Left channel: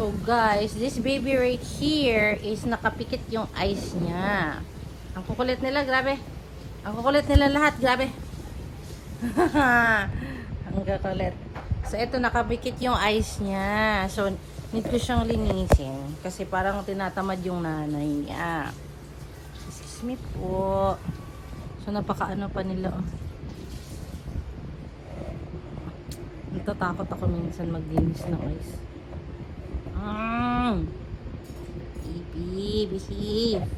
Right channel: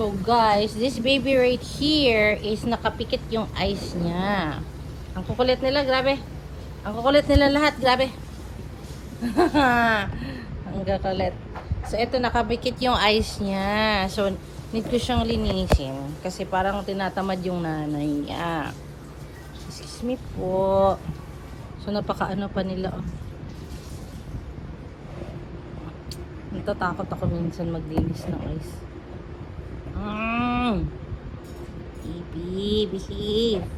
So guys, this baby right here is nakapikit yung eyes niya. Ang kukulit nila, grabe. Ang kukulit nila lahat, grabe. Ang kukulit. So ito, nakapikit yung eyes niya. So, need ko siyang linisin. Kasi parang tinatamad yung nanay niya. Excuse me po. So, napakaano pa nila, oh. Natatakot ako minsan maglinis ng eyes. Baby, behave.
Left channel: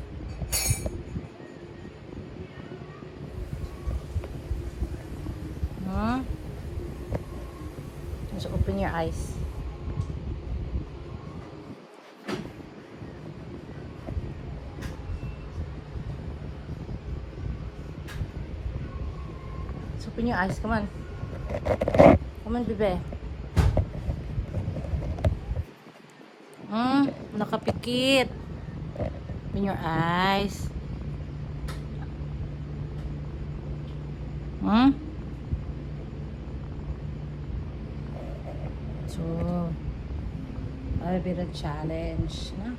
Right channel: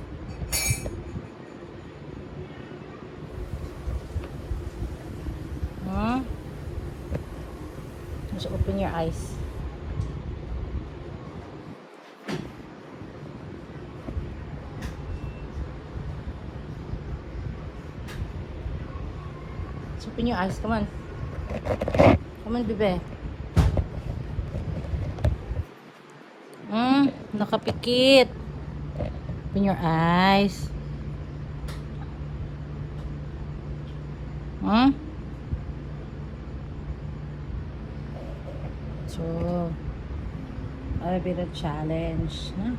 Just open your eyes. Just open your eyes. Come on. Come on, bebe. Nakapikit. Open your eyes. So, a bit of challenge, no?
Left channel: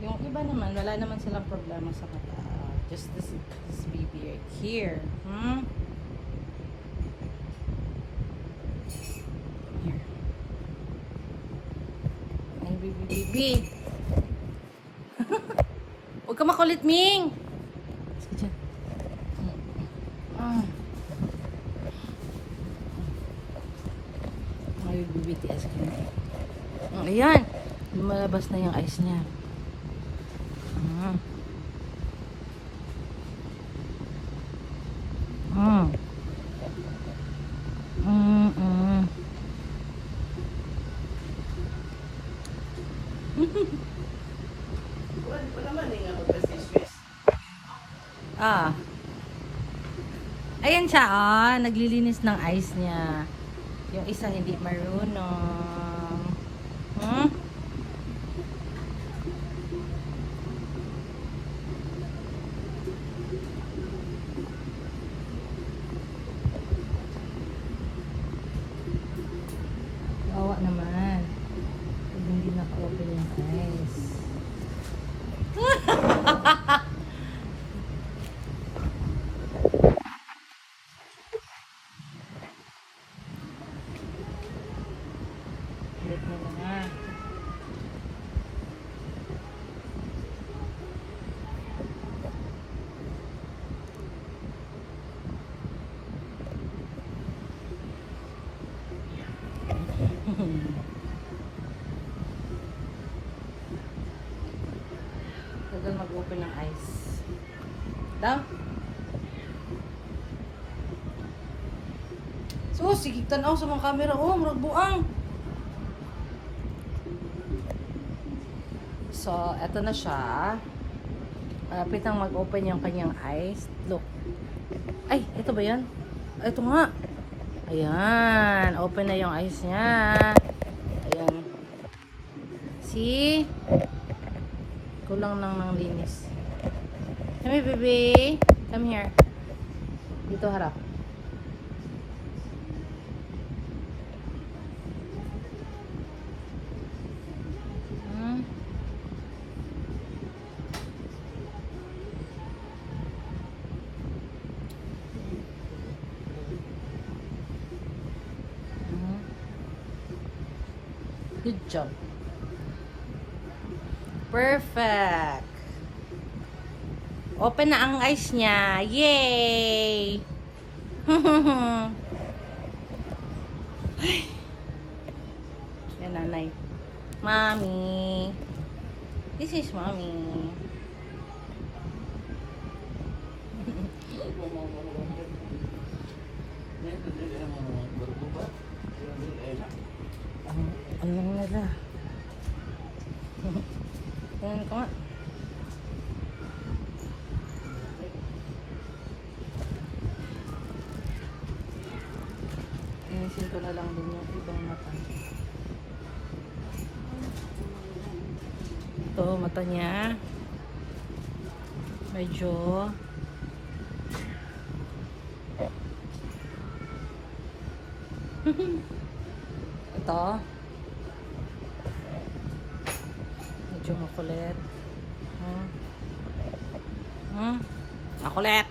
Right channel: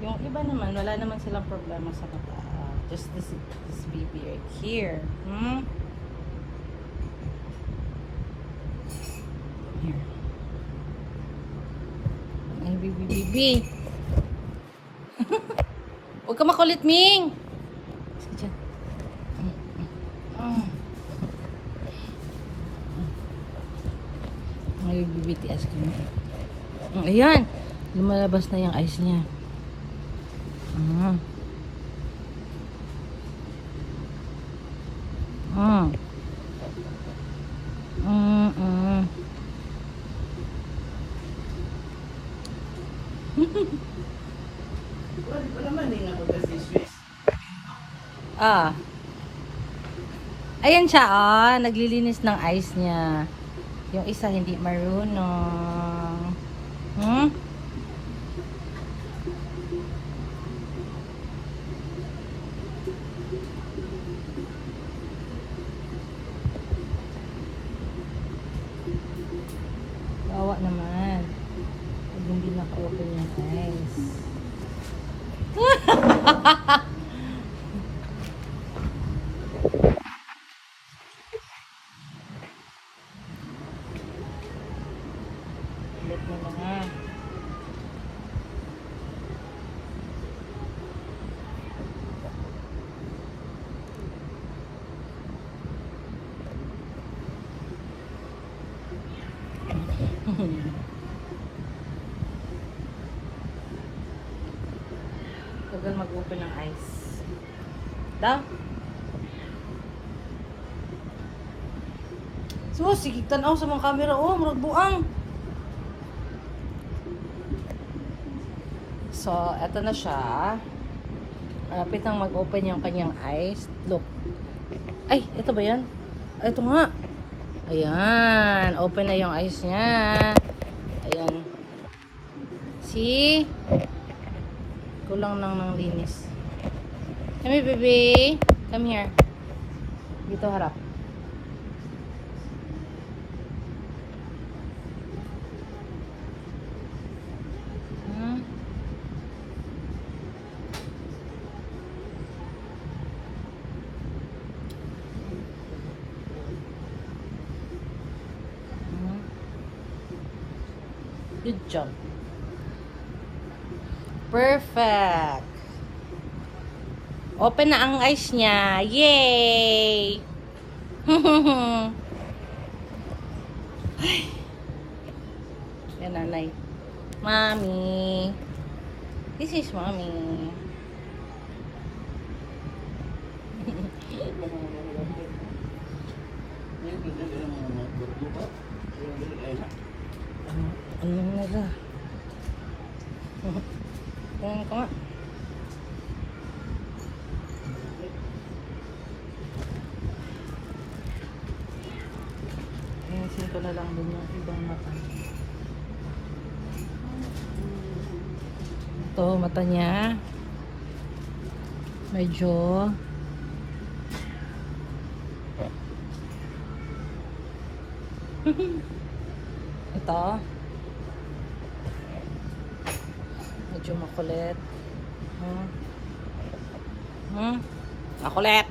Yung iba naman, wala naman silang problema sa mata. Just this baby right here. Here. Ay, baby. Huwag ka makulit, Ming! Ay, BTS ka na. Ayan! Lumalabas na yung eyes niya. Ayan siya, naglilinis ng eyes niya. Yung isa hindi marunong. Bawa naman. Hindi naka-open yung eyes. Ulit mo lang, Tagal mag-open ng eyes. Daw? So, sige, tanaw sa mga camera. Murag buang. So, eto na siya. Malapit nang mag-open yung kanyang eyes. Look. Ay, ito ba yan? Ay, ito nga. Ayan. Open na yung eyes niya. Ayan. See? Kulang lang ng linis. Come here, baby. Come here. Dito harap. Good job. Perfect. Open na ang eyes niya. Yay! Yan, nanay. Mommy. This is mommy. Ano nila? Tingnan ko nga. Ayusin ko na lang din yung ibang mata. Ito, mata niya. Medyo. Ito. Medyo makulit. Makulit.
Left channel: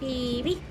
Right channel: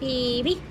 Baby.